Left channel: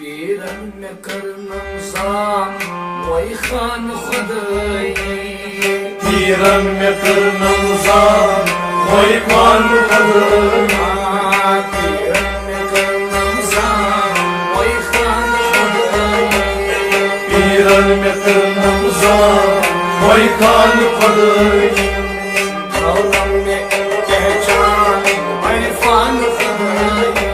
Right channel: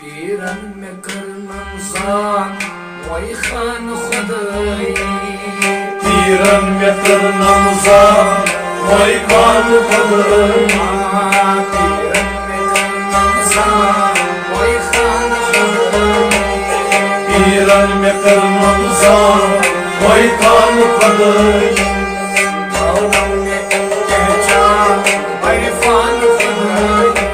پیرن میں کرنم زان وی خان خدایی پیرن میں کرنم زان وی خان خدایی پیرن میں کرنم زان وی خان خدایی پیرن میں کرنم زان وی خان خدایی دولم میں پہچان وی خان خدایی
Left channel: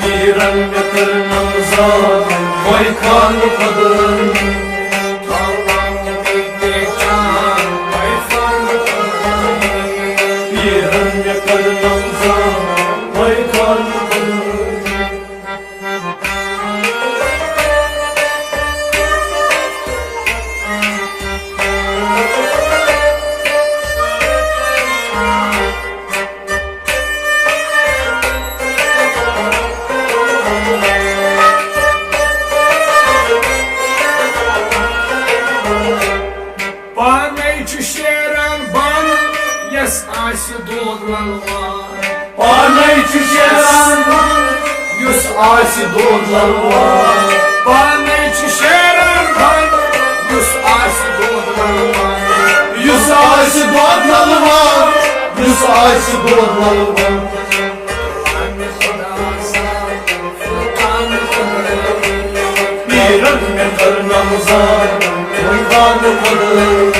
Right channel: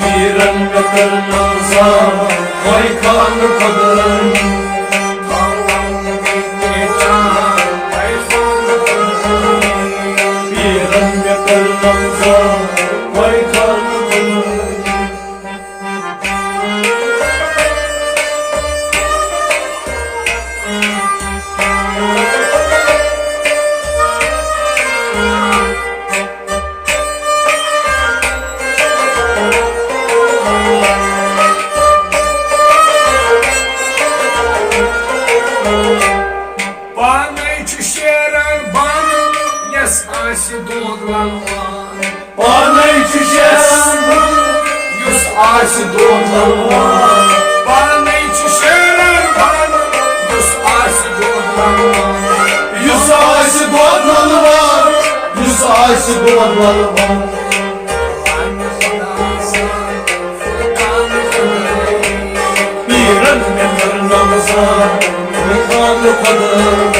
پیرن میں کرنم زان وی خان خدایی دولم میں پہچان وی خان خدایی پیرن میں کرنم زان وی خان خدایی آسہِ دود للوان پانے چھُ شیران بن یُس آسہِ دود للوان پانے چھُ شیران بن یُس آسہِ دود للوان یُس آسہِ دود للوان یُس آسہِ دود للوان پننہِ خۄدا سان فُلکان خدایی پیرن مےٚ کرنم زان وی خان خدایی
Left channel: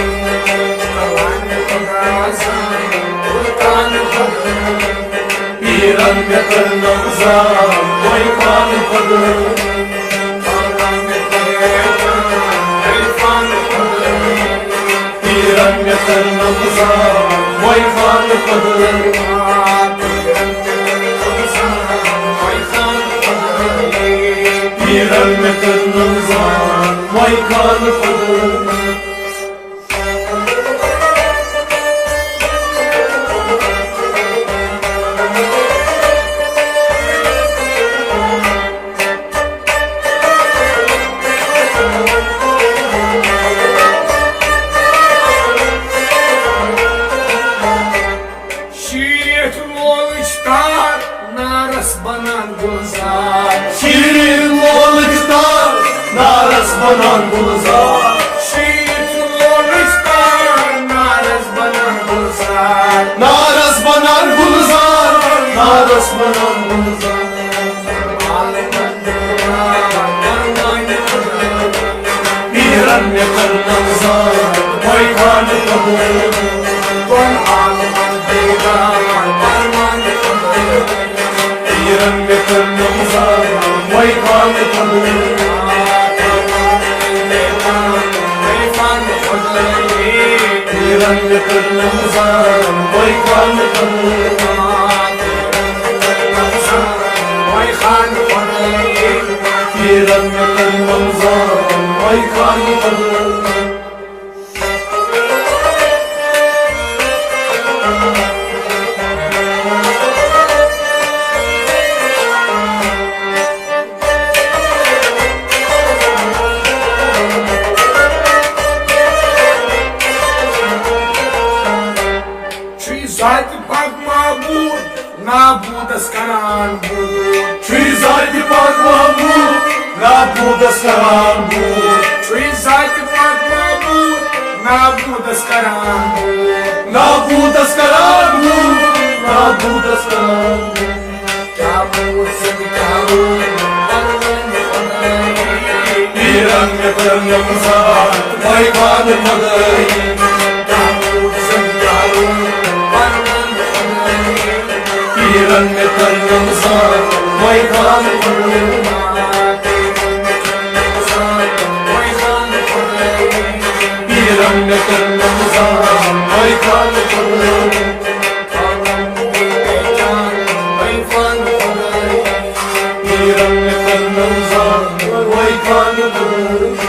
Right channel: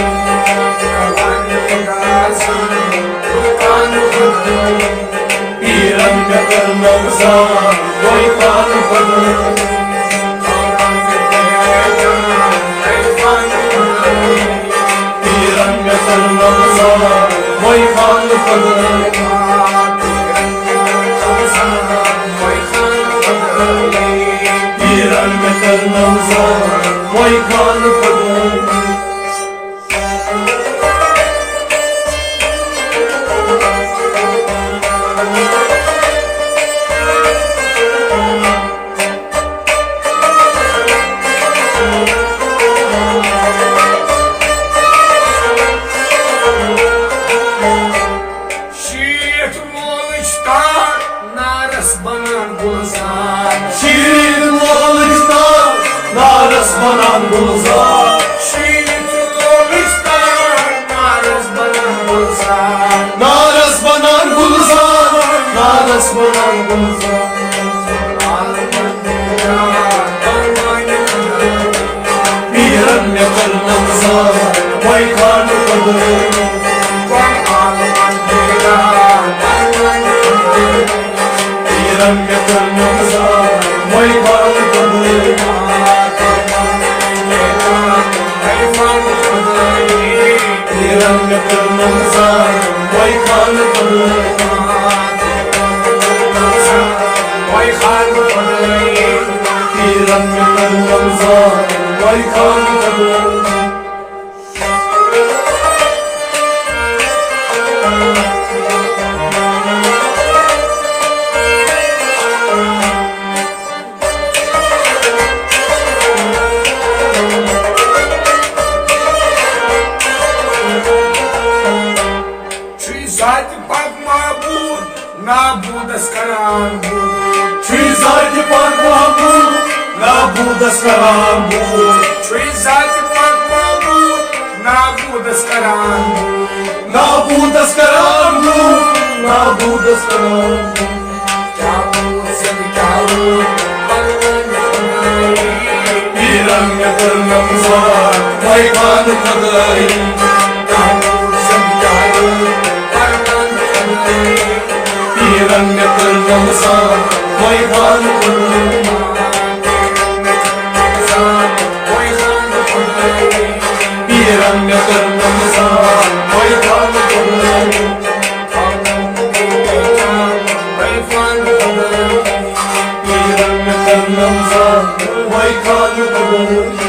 پننہِ خۄدا سان فُلکان خدایی پیرن مےٚ کرنم زان وی خان خدایی دولم میں پہچان وی خان خدایی پیرن مےٚ کرنم زان وی خان خدایی پیرن میں کرنم زان وی خان خدایی پیرن مےٚ کرنم زان وی خان خدایی نارس بنان گلزار شیرین لولشتان نارس بنان گلزار شیرین لولشتان نارس بنان گلزار نارس بنان گلزار نارس بنان گلزار پیرن مےٚ کرنم زان وی خان خدایی پیرن مےٚ کرنم زان وی خان خدایی پیرن مےٚ کرنم زان وی خان خدایی پیرن مےٚ کرنم زان وی خان خدایی ذاتِ پاک معبود نابودس کران بود چھُے ذاتِ پاک محبوب نابودس کران بود چھُے ذاتِ پاک معبود نابودس کران بود نابودس کران بود نابودس کران بود کیا بود سد کیا بود پروان خدایی پیرن مےٚ کرنم زان وی خان خدایی کیا بود سد کیا بود پروان خدایی پیرن مےٚ کرنم زان وی خان خدایی پیرن مےٚ کرنم زان وی خان خدایی پیرن مےٚ کرنم زان وی خان خدایی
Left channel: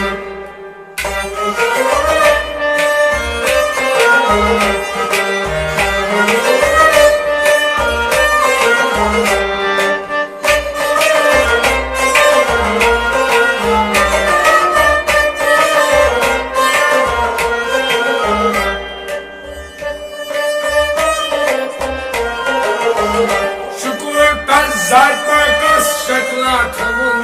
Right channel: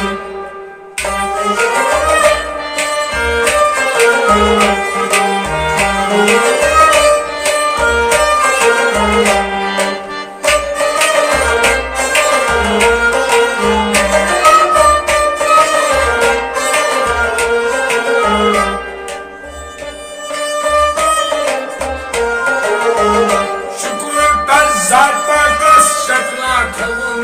شکر تر ذات پاکس Shukla تھون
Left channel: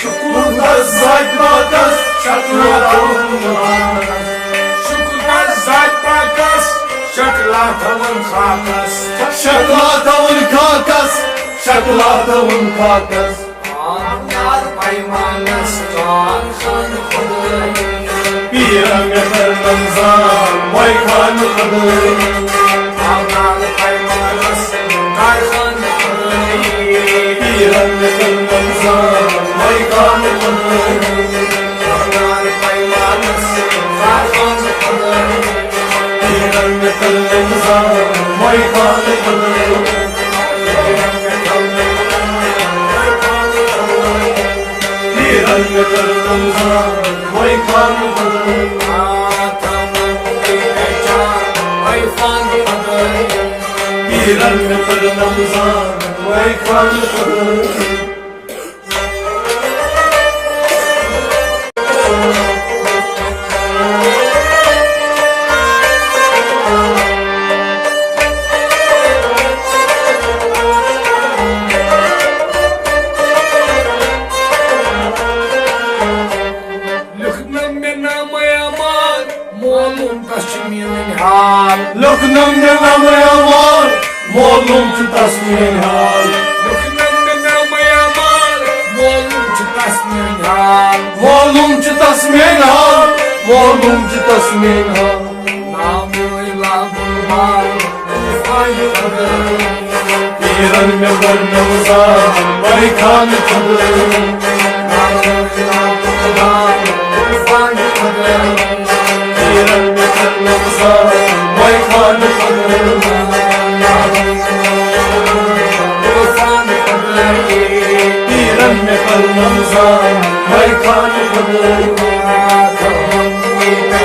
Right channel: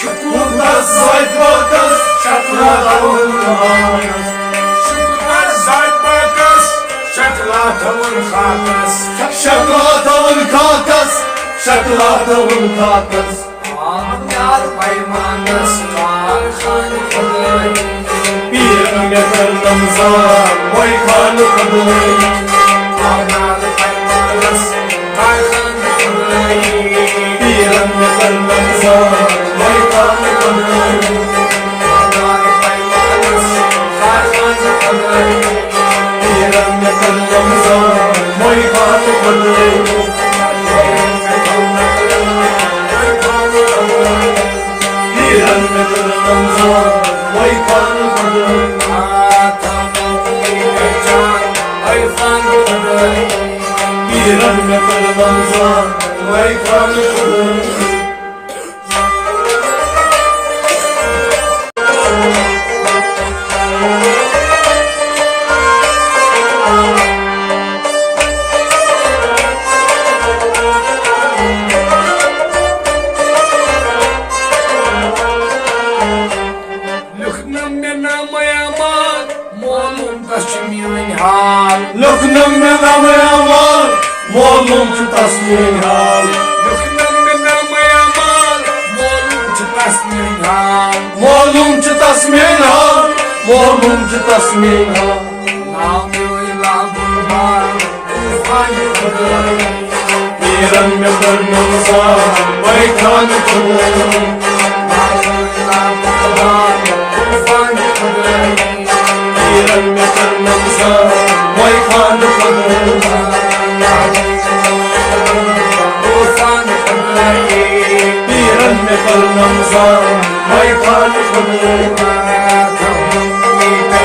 Şukurdas zaytbakas Şaklatavun hakas Şukurdas zaytbakas Şaklatavun hakas Şaklatavun kakas Şaklatavun kakas Anlar paymanas Karhan kudayı Biram yakarnamza Vay kanı kadayı Anlar paymanas Karhan kudayı Biram yakarnamza Vay kanı kadayı Anlar paymanas Karhan kudayı Biram yakarnamza Vay kanı kadayı Biram yakarnamza Vay kanı kadayı Biram yakarnamza Vay kanı kadayı Loknam me namayamar Molum chutasmin hal Molum chutasmin hal Molum chutasmin hal Biram me barnamza Vay kanı kadayı Biram yakarnamza Vay kanı kadayı Biram yakarnamza Vay kanı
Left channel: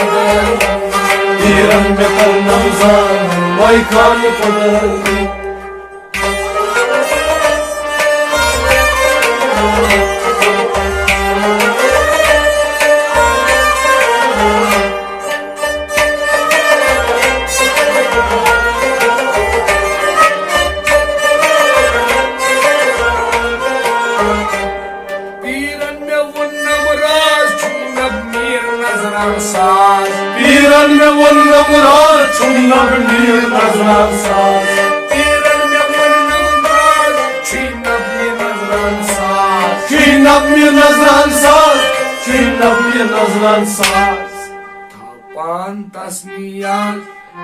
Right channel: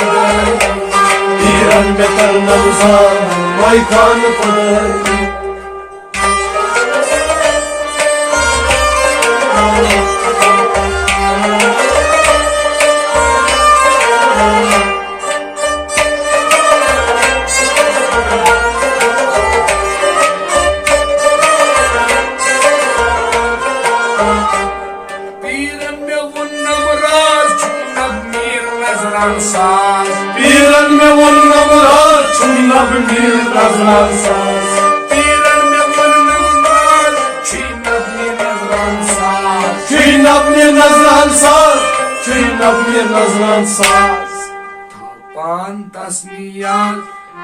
kadayı Biram yakarnamza Vay kanı kadayı Biran me vonna murar Çuynab bir nazran saz Çuynab bir nazran saz Çuynab bir nazran saz Tapan tasmiyat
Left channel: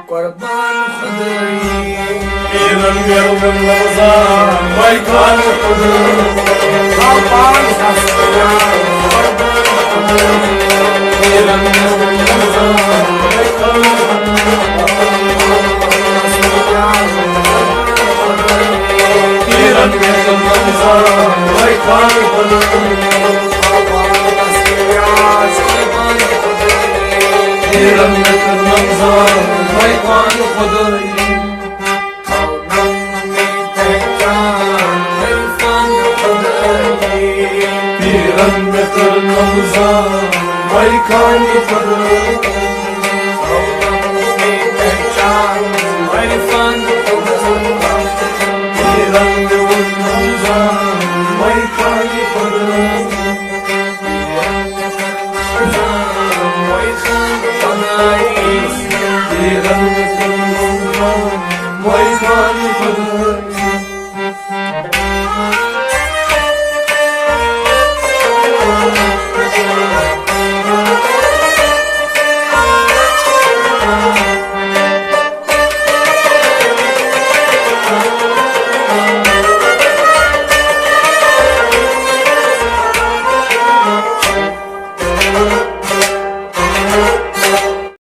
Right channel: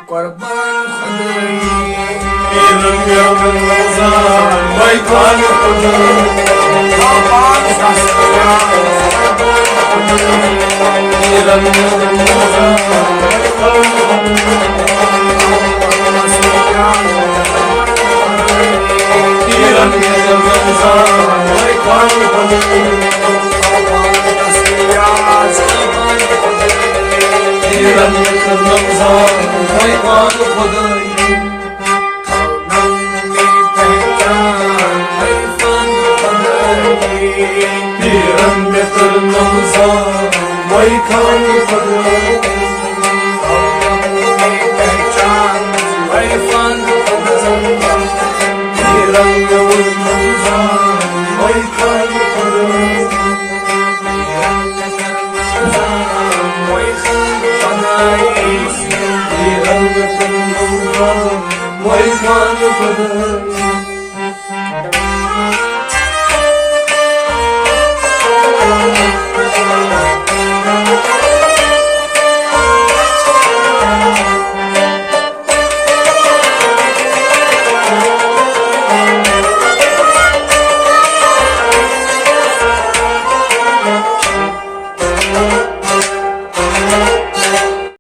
Kurban khudayı Biran me vonna nazran Vay kanı kadayı Tapan tasmiyat Kurban khudayı Biran me vonna nazran Vay kanı kadayı Biran me vonna nazran Vay kanı kadayı Biran yakarnamza Vay kanı kadayı Biram yakarnamza Vay kanı kadayı